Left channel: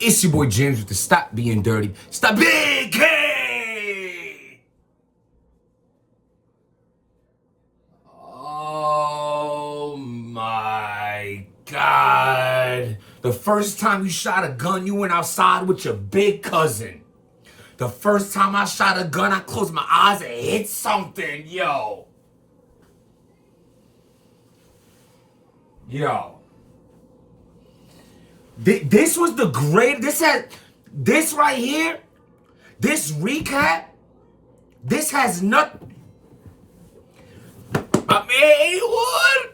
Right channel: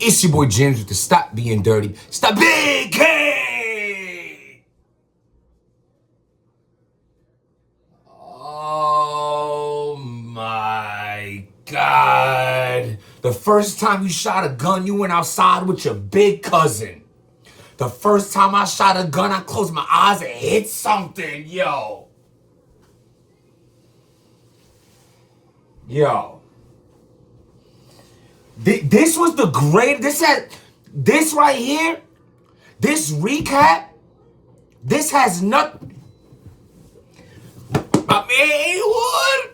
It's your boy James with the Stop Being Dirty. Stop Big K! Oh my God. The first time you shot a gun, you went outside with your big cousin. The first time I shot a gun, I closed my eyes and hit something, yo. Yo. This was the great. This right here, this recap, this has nothing. I mean, what?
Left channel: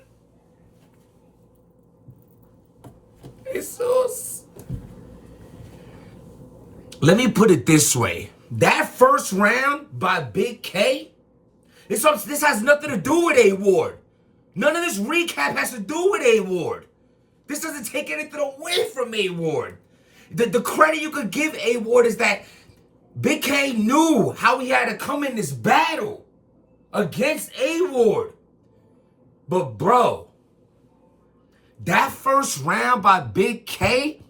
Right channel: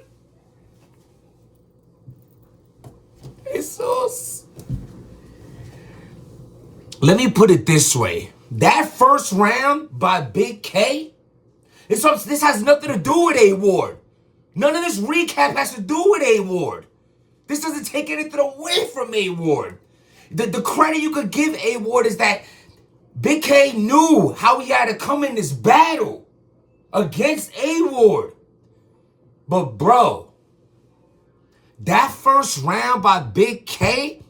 Jesus. Let me put it this way. That first round by Big K, this has nothing to do with A Ward. None of this recap has to do with A Ward. This doesn't take anything away from A Ward. The credit you could give A Ward is that Big K knew how he had to come in this battle against A Ward. But bro, that first round by Big K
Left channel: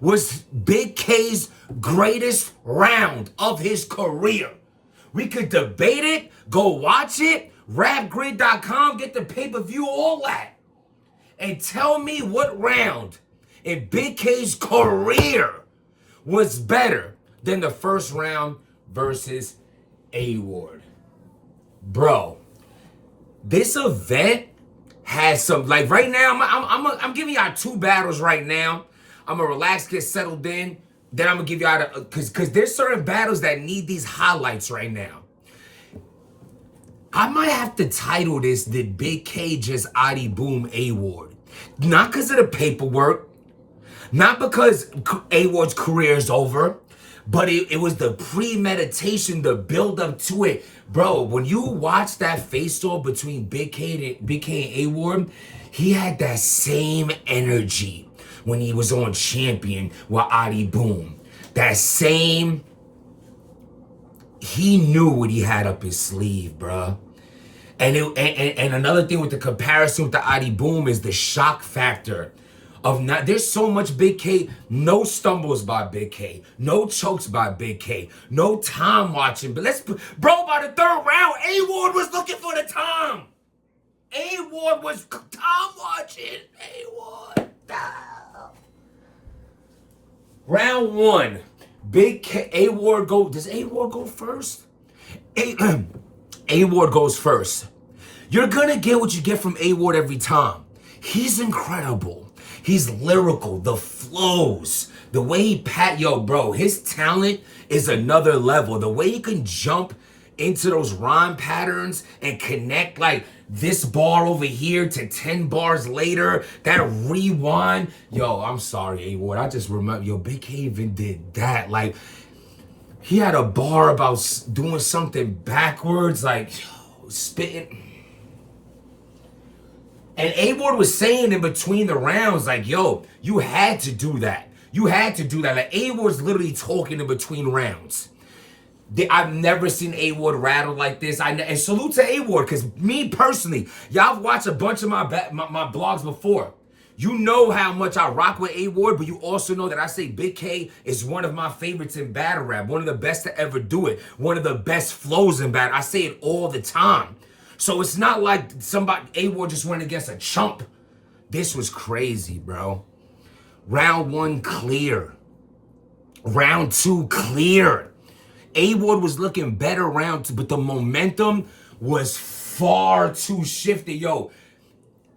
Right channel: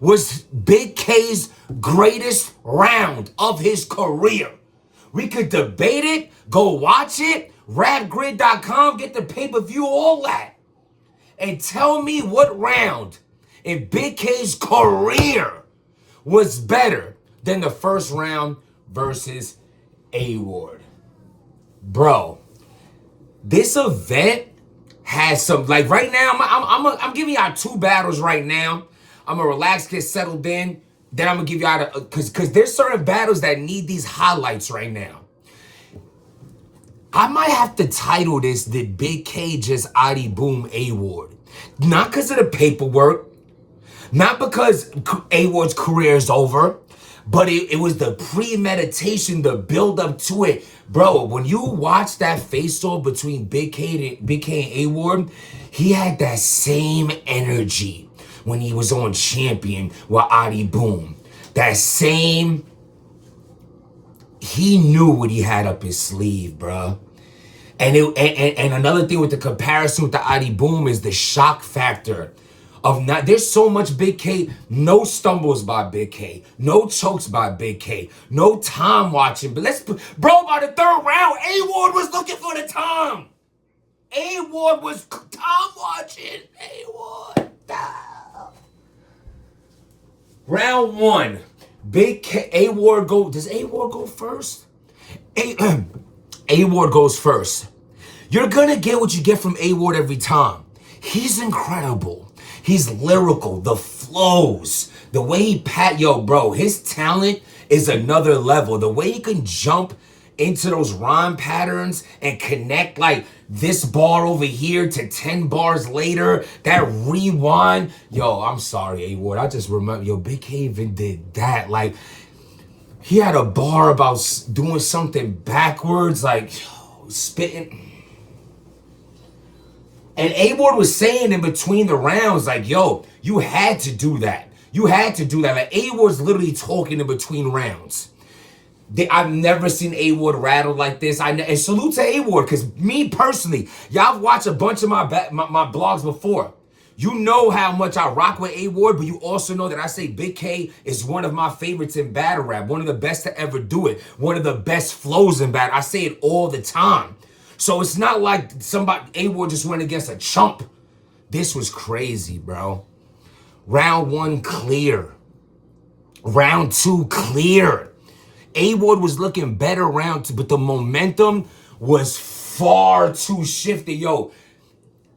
was Big K's greatest round of his career. We could debate it, go watch it, rapgrid.com, get the pay-per-view, all that. And tell me what round in Big K's career was better than the first round versus A Ward. Bro, this event has some, like right now, I'm giving y'all two battles right now. I'm gonna relax, get settled in. Then I'm gonna give y'all, because there's certain battles that need these highlights right now. I might have to title this, Did Big K Just ahdii Boom A Ward? Not because of the paperwork, not because A Ward's career is over, but it was the premeditation, the build up to it. Bro, when you watch that face-off between Big K and A Ward, he had that same energy when he was on Champion with ahdii Boom. That same, he knew what he had up his sleeve, bruh. And another thing with the comparison with the ahdii Boom is the shock factor of not. There's so much Big K, no stumbles by Big K, no chokes by Big K, no time watching. But bro, by the third round, A Ward was looking for the time. A Ward was time watching. A Ward. Round one, Big K, A Ward go. Does A Ward go first? A Ward goes first. You're gonna get what you get from A Ward every time. He's incredible. He's lyrical. The flows, the way he yo, bro, his talent is another level. The way he can jump into those rhyme patterns and connect like this bar over here to 10 bars later, that rewind. Yo, I'm sorry, A Ward. I just remember, yo, Big K even did that. Like, he had a bar about doing something backwards, like, yo, spitting. And A Ward was saying in between the rounds, like, yo, you had to do that. You had to do that. Like, A Ward's literally talking in between rounds. I've never seen A Ward rattle like this. And salute to A Ward, because me personally, y'all have watched a bunch of my blogs before. You know how much I rock with A Ward, but you also know that I say Big K is one of my favorites in battle rap, one of the best to ever do it, one of the best flows in battle. I say it all the time. So it's not like A Ward just went against a chump. This was crazy, bro. Round one, clear. Round two, clear. A Ward was looking better round two, but the momentum was far too shifted. Yo,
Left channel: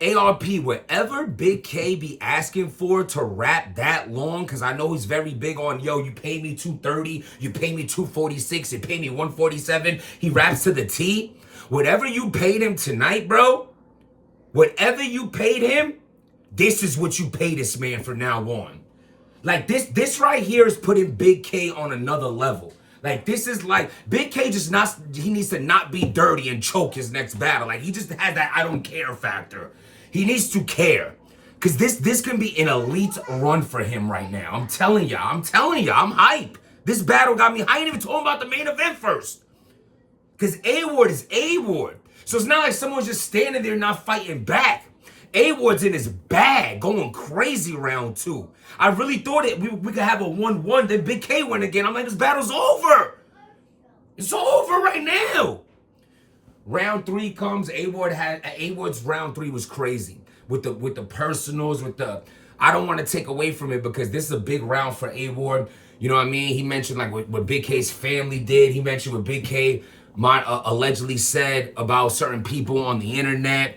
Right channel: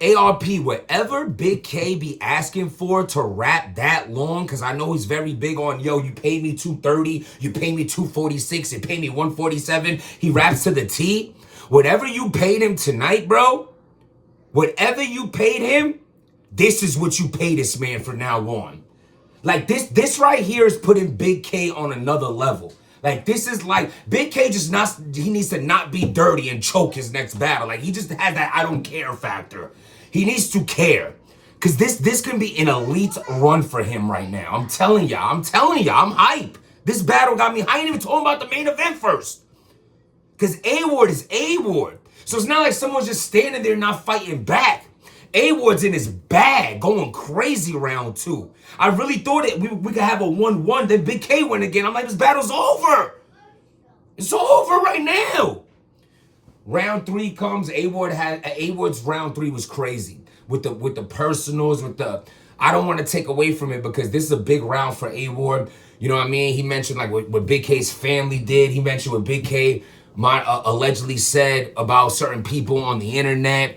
ARP, whatever Big K be asking for to rap that long, because I know he's very big on, yo, you pay me 230, you pay me 246, you pay me 147. He raps to the T. Whatever you paid him tonight, bro, whatever you paid him, this is what you pay this man from now on. Like, this right here is putting Big K on another level. Like, this is like, Big K he needs to not be dirty and choke his next battle. Like, he just had that I don't care factor. He needs to care. Because this can be an elite run for him right now. I'm telling y'all, I'm hype. This battle got me, I ain't even talking about the main event first. Because A Ward is A Ward. So it's not like someone's just standing there not fighting back. A-Ward's in his bag, going crazy round 2. I really thought we could have a 1-1, then Big K win again. I'm like, this battle's over. It's over right now. Round 3 comes. A-Ward's round 3 was crazy. With the personals, I don't want to take away from it because this is a big round for A-Ward. You know what I mean? He mentioned like what Big K's family did. He mentioned what Big K allegedly said about certain people on the internet.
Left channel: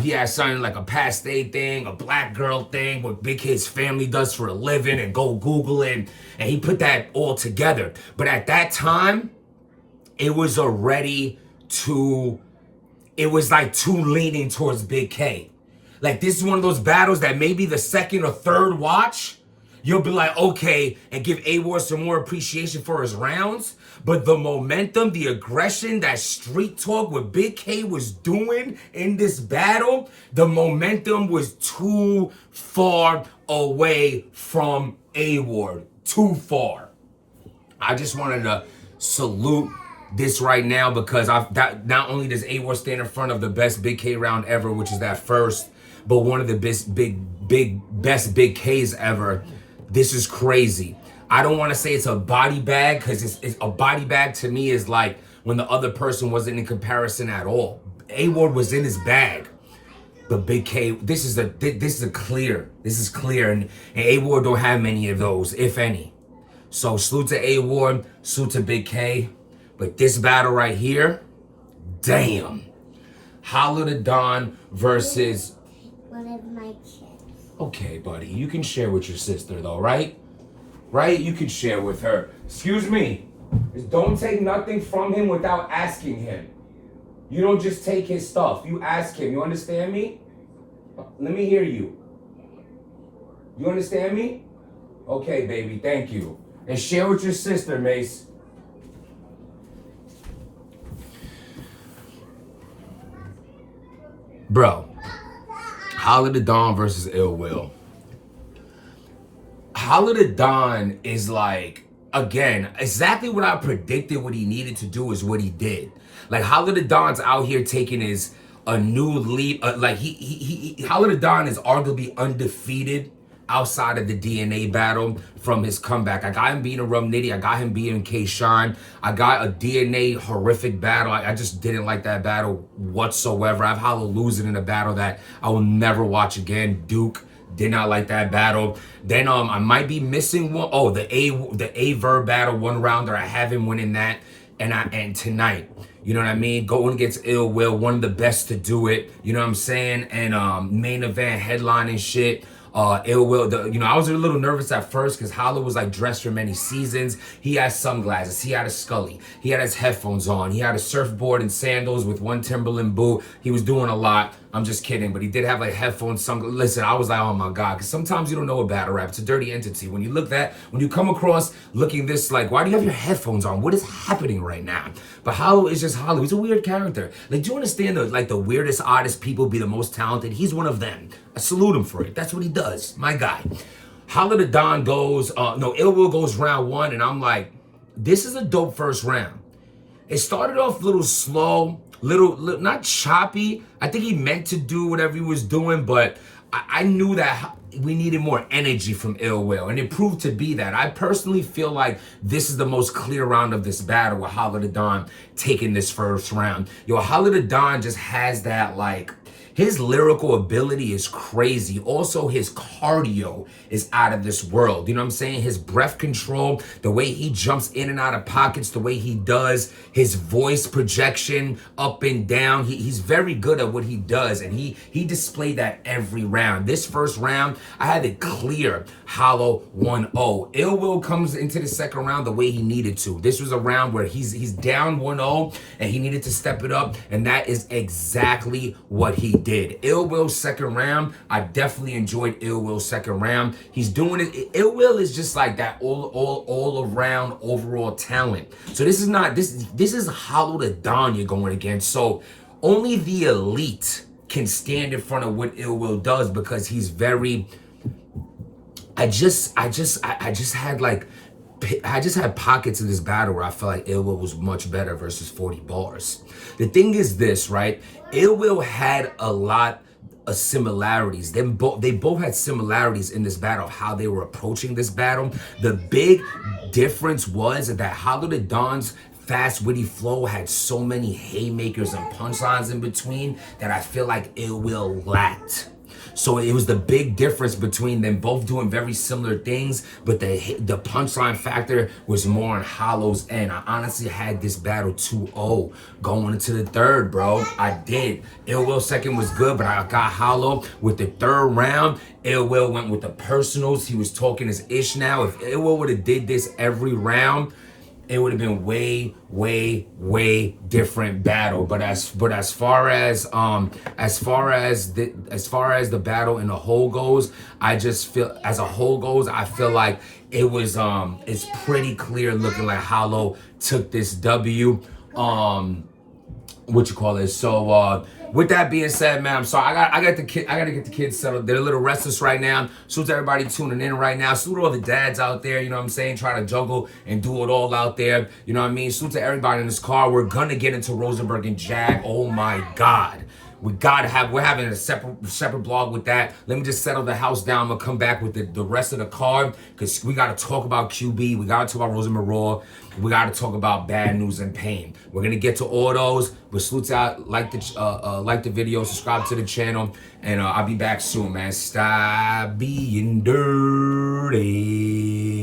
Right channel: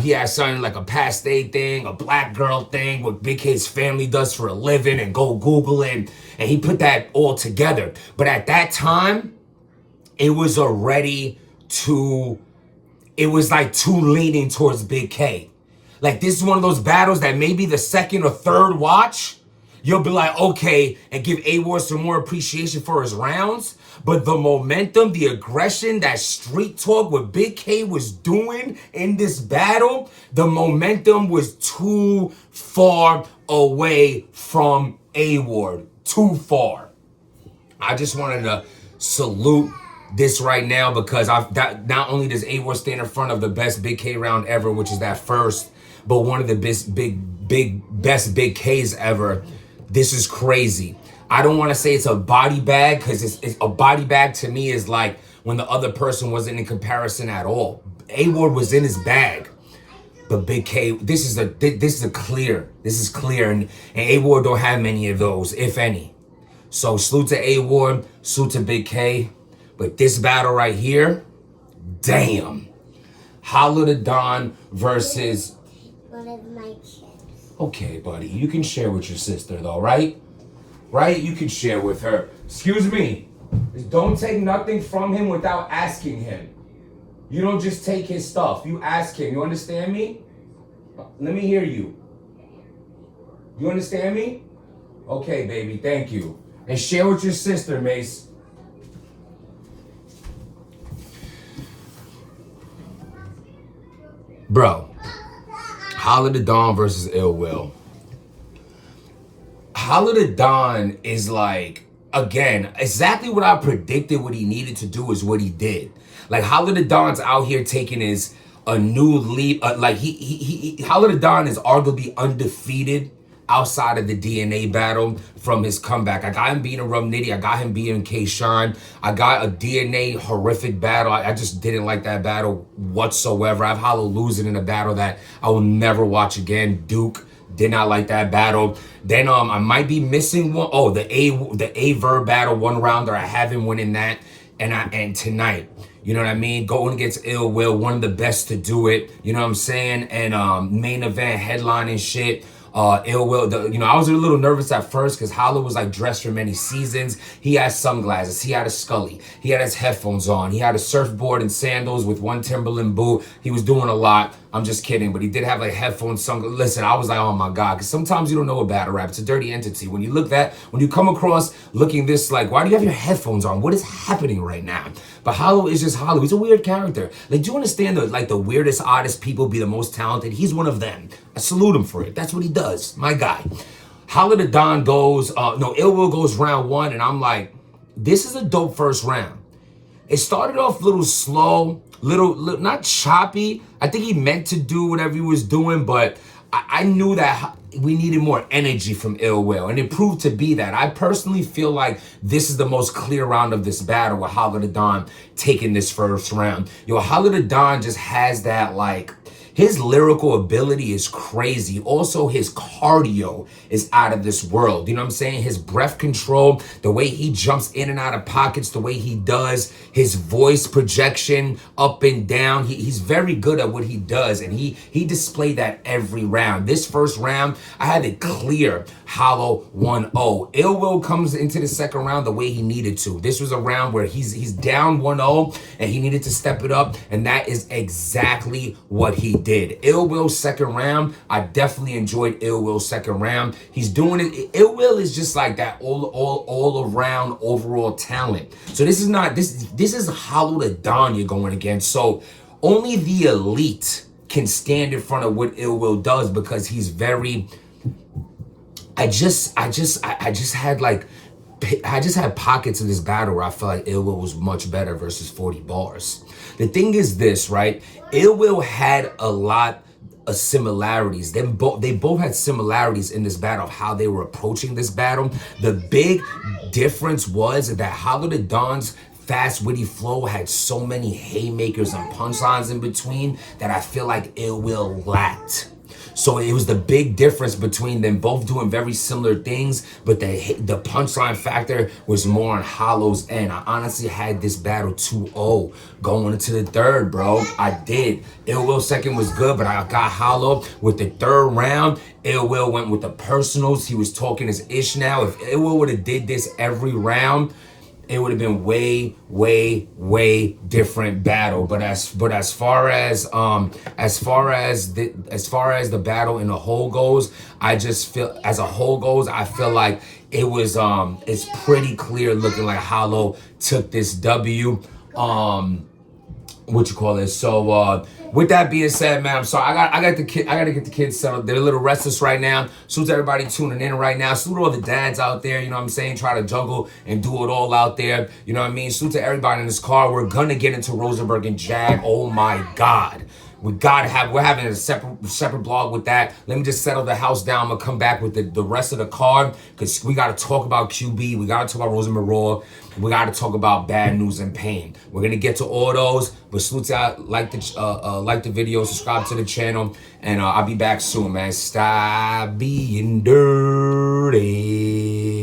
He had something like a paste thing, a black girl thing, what Big K's family does for a living, and go Google it. And he put that all together. But at that time, it was already it was like too leaning towards Big K. Like, this is one of those battles that maybe the second or third watch, you'll be like, okay, and give A-Ward some more appreciation for his rounds. But the momentum, the aggression, that street talk, what Big K was doing in this battle, the momentum was too far away from A-Ward. Too far. I just wanted to salute this right now because not only does A-Ward stand in front of the best Big K round ever, which is that first, but one of the best Big Ks ever. This is crazy. I don't want to say it's a body bag because it's a body bag to me is like when the other person wasn't in comparison at all. A-Ward was in his bag, but Big K, this is clear, and A-Ward don't have many of those, if any. So salute to A-Ward, salute to Big K. But this battle right here, damn. Holla the Don versus... One of my kids. Okay, buddy. You can share with your sister, though, right? Right? You can share with her. Excuse me. Just don't take nothing from him without asking him. You don't just take his stuff. You ask him. You understand me? Let me hear you. You understand me? Okay, baby. Thank you. And share with your sister, Mace. Bro, Holla the Don versus Ill Will. Holla the Don is like, again, exactly what I predicted what he needed to do is what he did. Like, Holla the Don's out here taking a new lead. Holla the Don is arguably undefeated outside of the DNA battle from his comeback. I got him beating a Rum Nitty. I got him beating K-Shine. I got a DNA horrific battle. I just didn't like that battle whatsoever. I've Holla losing in a battle that I will never watch again. Duke, did not like that battle. Then I might be missing one. Oh, the A-Verb battle, one rounder. I have him winning that. And tonight, you know what I mean? Going against Ill Will, one of the best to do it. You know what I'm saying? And main event headline and shit. Ill Will, I was a little nervous at first because Holla was like dressed for many seasons. He had sunglasses, he had a Scully, he had his headphones on, he had a surfboard and sandals with one Timberland boot. He was doing a lot. I'm just kidding, but he did have like headphones, sunglasses. Listen, I was like, oh my God, because sometimes you don't know a battle rap. It's a dirty entity. When you come across looking this, like, why do you have your headphones on? What is happening right now? But Holla is just Holla. He's a weird character. Like, do you understand the weirdest, oddest people be the most talented? He's one of them. I salute him for it. That's what he does. My guy. Holla the Don goes, Ill Will goes round 1, and I'm like, this is a dope first round. It started off a little slow, little not choppy. I think he meant to do whatever he was doing, but I knew that we needed more energy from Ill Will, and it proved to be that. I personally feel like this is the most clear round of this battle with Holla the Don taking this first round. Yo, Holla the Don just has that, like, his lyrical ability is crazy. Also, his cardio is out of this world. You know what I'm saying? His breath control, the way he jumps in and out of pockets, the way he does, his voice projection up and down. He's very good at what he does, and he displayed that every round. This first round, I had it clear. Hollow 1-0. Ill Will comes into the second round the way he needed to. This was a round where he's down 1-0, and he needed to step it up, and that is exactly what he did. Ill Will's second round, I definitely enjoyed Ill Will's second round. He's doing it. Ill Will is just like that all around overall talent. So this is not this is Holla the Don you're going against. So only the elite can stand in front of what Ill Will does because he's very. I just had pockets of this battle where I felt like Ill Will was much better versus 40 bars. The thing is this, right? Ill Will had a lot similarities. They both had similarities in this battle of how they were approaching this battle. The big difference was that Hollow the Don's fast, witty flow had so many haymakers and punchlines in between that I feel like Ill Will lacked. So it was the big difference between them both doing very similar things, but the punchline factor was more on Hollow's end. I honestly had this battle 2-0 going into the third, bro. I did. Ill Will second was good, but I got Hollow with the third round. Ill Will went with the personals. He was talking his ish now. If Ill Will would have did this every round, it would have been way, way, way different battle. But as far as the battle in the whole goes, I just feel I feel like it was it's pretty clear looking like Hollow took this W. What you call it? So with that being said, man, I'm sorry. I gotta get the kids settled. They're a little restless right now. Salute to everybody tuning in right now. Salute to all the dads out there, you know what I'm saying? Try to juggle and do it all out there. You know what I mean? Salute to everybody in this car. We're gonna get into Rosenberg and Jag. Oh my God. We're having a separate blog with that. Let me just settle the house down. I'm gonna come back with the rest of the card because we gotta talk about QB. We gotta talk about Rosenberg Raw. We gotta talk about Bad News and Pain. We're gonna get to all those, but salute out, like the video, subscribe to the channel, and I'll be back soon, man. Stop being dirty.